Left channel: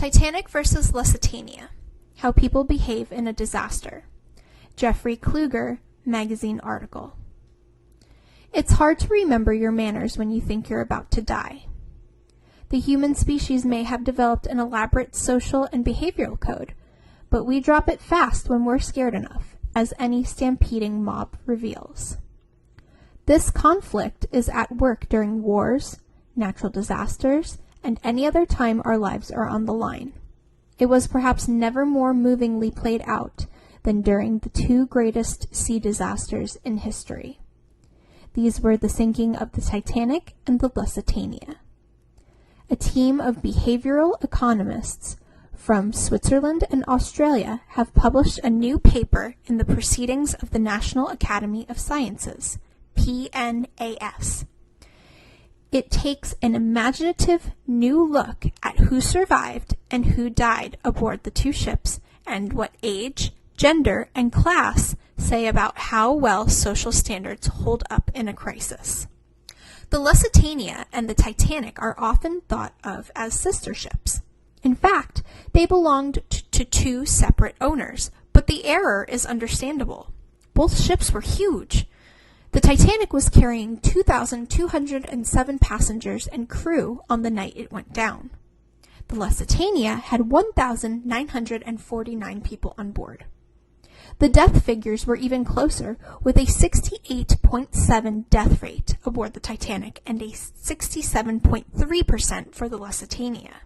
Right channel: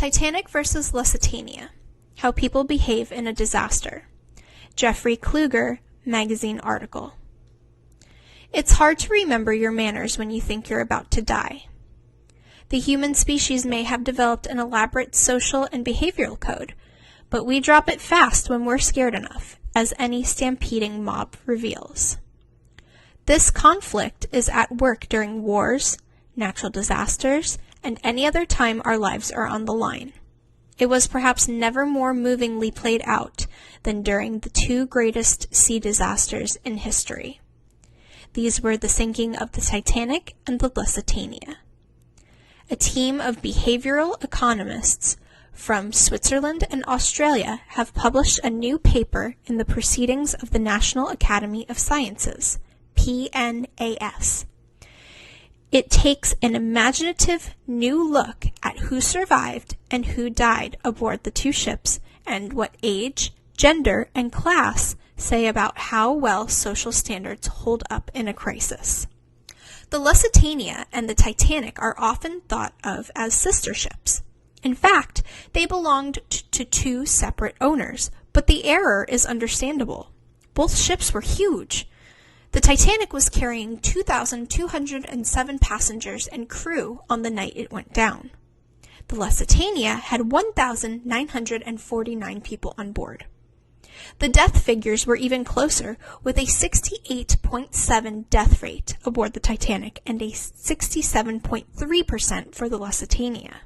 Titanic versus Lusitania: How People Behave in a Disaster. Jeffrey Kluger, magazine article. It's hard to remember your manners when you think you're about to die. The human species may have developed an elaborate social and behavioral code, but we drop it fast when we're scared enough, as any stampeding mob reveals. This conflict is at work during wars, natural disasters, and any other time our lives are on the line. It was perhaps never more movingly played out than during the two greatest sea disasters in history. These were the sinking of the Titanic and the Lusitania. A team of behavioral economists from Switzerland and Australia have published a new paper in the Proceedings of the National Academy of Sciences, PNAS. It takes an imaginative new look at who survived and who died aboard the two ships and what age, gender, and class say about how well social standards hold up in a crisis. The Lusitania and the Titanic are often thought of as sister ships. In fact, they belonged to two separate owners, but the error is understandable. Both ships were huge. The Titanic was carrying 2,207 passengers and crew on the night it went down. The Lusitania had 1,949 people on board. The death figures were even closer, with a 68.7 death rate aboard the Titanic and a 67.3% for the Lusitania.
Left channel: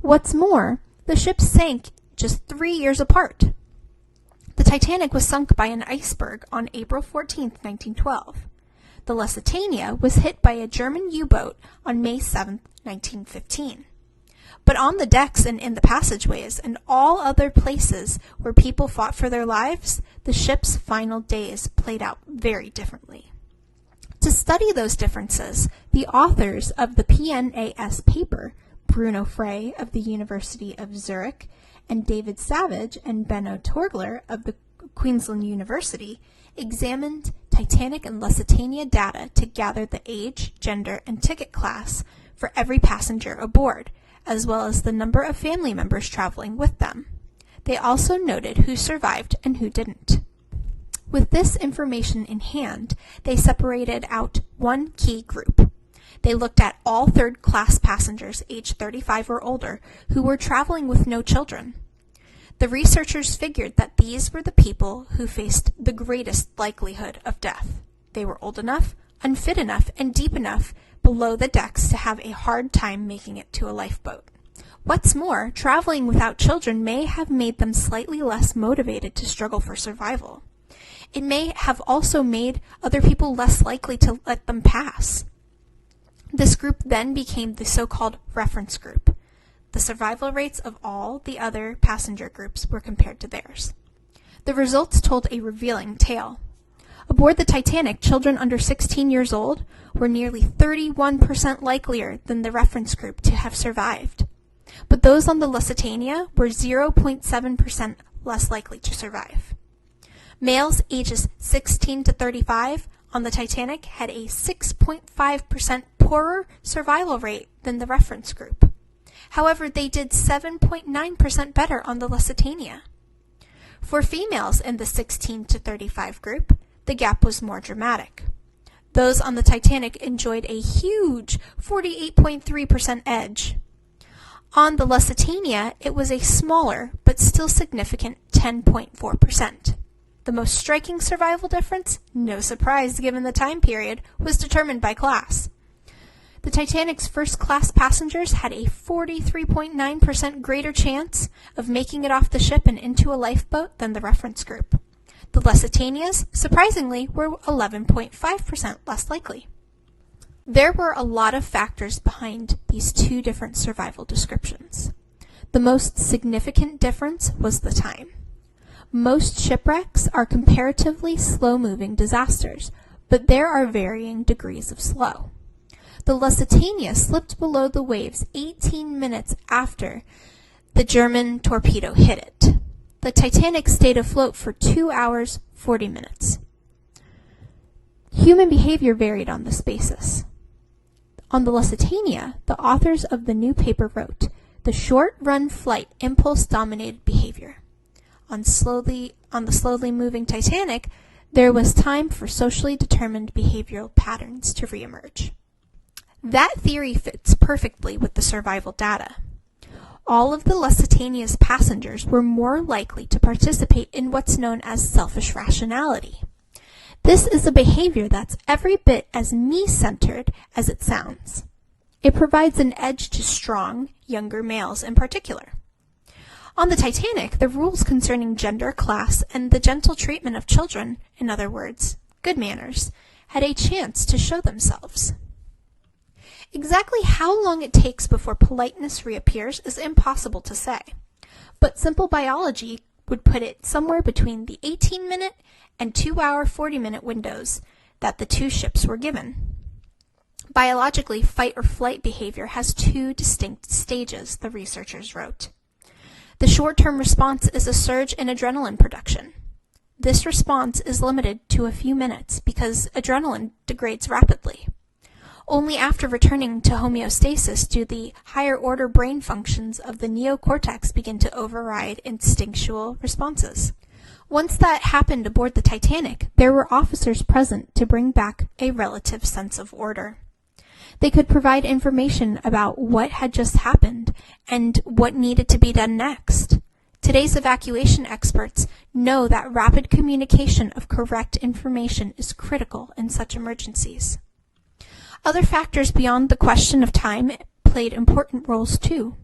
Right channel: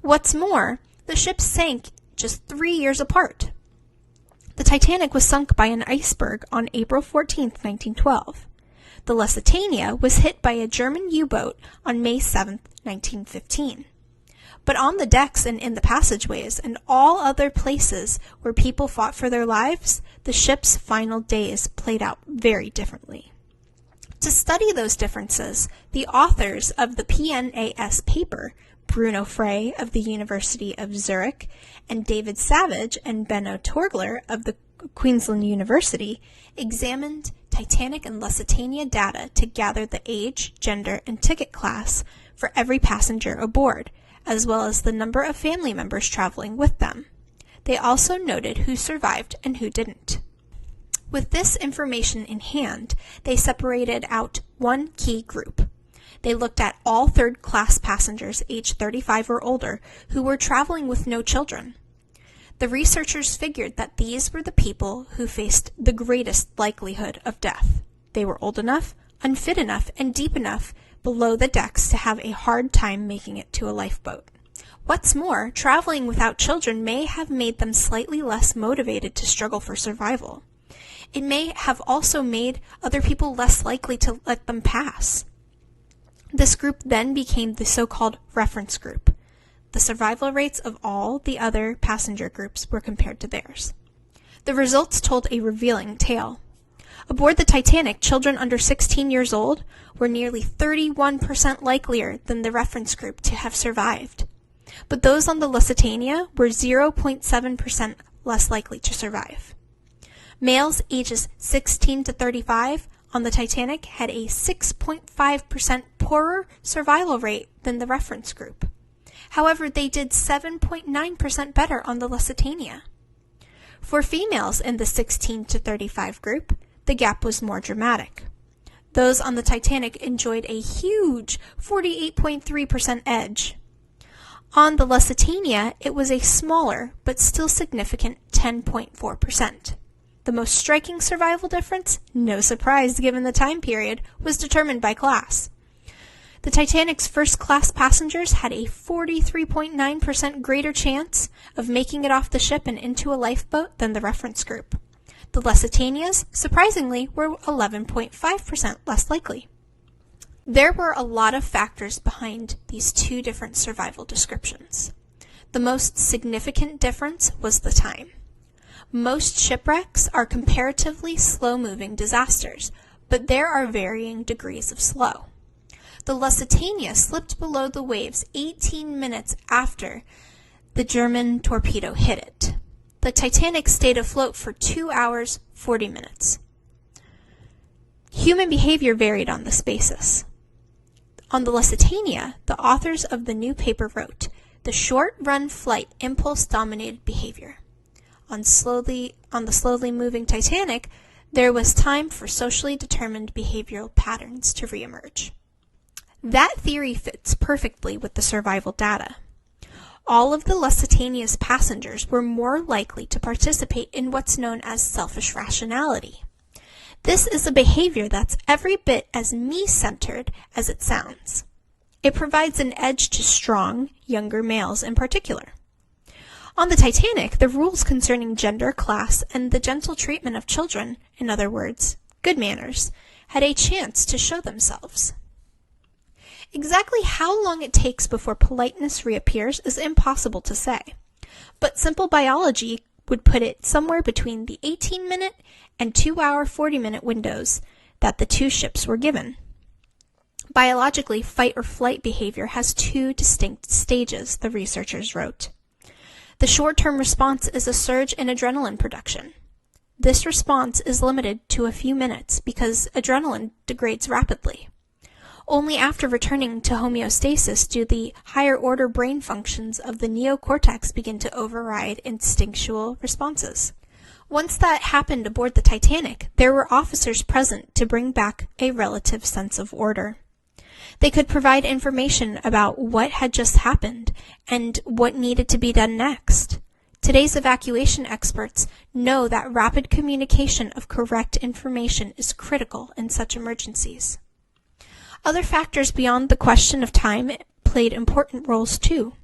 What's more, the ships sank just 3 years apart. The Titanic was sunk by an iceberg on April 14, 1912. The Lusitania was hit by a German U-boat on May 7, 1915. But on the decks and in the passageways and all other places where people fought for their lives, the ship's final days played out very differently. To study those differences, the authors of the PNAS paper, Bruno Frey of the University of Zurich, and David Savage and Benno Torgler of the Queensland University, examined Titanic and Lusitania data to gather the age, gender, and ticket class for every passenger aboard, as well as the number of family members traveling with them. They also noted who survived and who didn't. With this information in hand, they separated out one key group. They looked at all third-class passengers aged 35 or older who were traveling with no children. The researchers figured that these were the people who faced the greatest likelihood of death. They were old enough, unfit enough, and deep enough below the decks to have a hard time making it to a lifeboat. What's more, traveling without children may have made them slightly less motivated to struggle for survival. It may have also made other people less likely to let them pass. This group then became the so-called reference group. The survival rates of all the other passenger groups were compared to theirs. The results told a revealing tale. Aboard the Titanic, children under 16 years old were nearly 31% likelier than the reference group to have survived. But those on the Lusitania were 0.7% less likely to survive. Males ages 16 to 35 on the Titanic had a 6.5% poorer survival rate than the reference group. However, they did 7.9% better on the Lusitania. For females in the 16 to 35 group, the gap was more dramatic. Those on the Titanic enjoyed a huge 48.3% edge. On the Lusitania, it was a smaller but still significant 10.4%. The most striking survival difference, no surprise given the time period, was determined by class. The Titanic's first-class passengers had a 43.9% greater chance of making it off the ship and into a lifeboat than the reference group. The Lusitanias, surprisingly, were 11.5% less likely. There were a lot of factors behind these two different survival descriptions. The most significant difference was the time. Most shipwrecks are comparatively slow-moving disasters, but there are varying degrees of slow. The Lusitania slipped below the waves 18 minutes after the German torpedo hit it. The Titanic stayed afloat for 2 hours, 40 minutes. Human behavior varied on this basis. On the Lusitania, the authors of the new paper wrote, the short-run flight impulse dominated behavior. On the slowly moving Titanic, there was time for socially determined behavioral patterns to reemerge. That theory fits perfectly with the survival data. All of the Lusitania's passengers were more likely to participate in what's known as selfish rationality. This is a behavior that's every bit as me-centered as it sounds. It provides an edge to strong, younger males in particular. On the Titanic, the rules concerning gender, class, and the gentle treatment of children, in other words, good manners, had a chance to show themselves. Exactly how long it takes before politeness reappears is impossible to say, but simple biology would put it somewhere between the 18-minute and 2-hour 40-minute windows that the two ships were given. Biologically, fight or flight behavior has two distinct stages, the researchers wrote. The short-term response is a surge in adrenaline production. This response is limited to a few minutes because adrenaline degrades rapidly. Only after returning to homeostasis do the higher-order brain functions of the neocortex begin to override instinctual responses. Once that happened aboard the Titanic, there were officers present to bring back a relative sense of order. They could provide information about what had just happened and what needed to be done next. Today's evacuation experts know that rapid communication of correct information is critical in such emergencies. Other factors beyond the question of time played important roles too.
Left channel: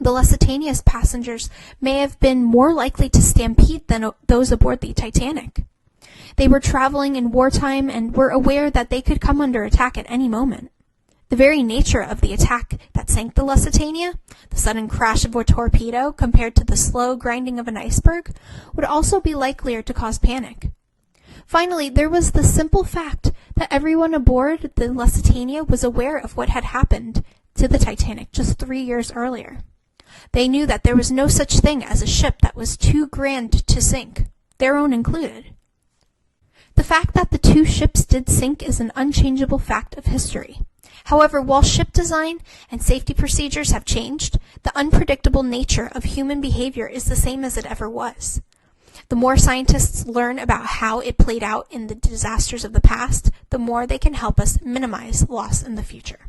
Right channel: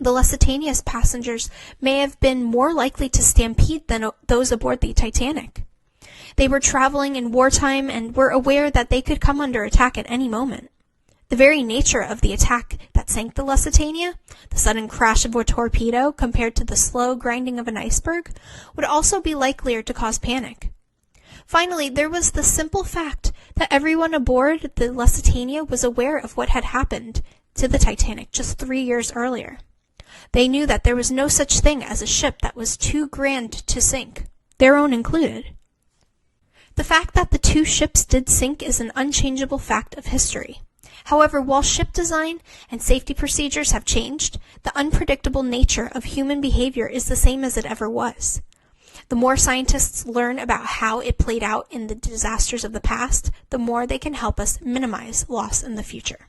The Lusitania's passengers may have been more likely to stampede than those aboard the Titanic. They were traveling in wartime and were aware that they could come under attack at any moment. The very nature of the attack that sank the Lusitania, the sudden crash of a torpedo compared to the slow grinding of an iceberg, would also be likelier to cause panic. Finally, there was the simple fact that everyone aboard the Lusitania was aware of what had happened to the Titanic just 3 years earlier. They knew that there was no such thing as a ship that was too grand to sink, their own included. The fact that the two ships did sink is an unchangeable fact of history. However, while ship design and safety procedures have changed, the unpredictable nature of human behavior is the same as it ever was. The more scientists learn about how it played out in the disasters of the past, the more they can help us minimize loss in the future.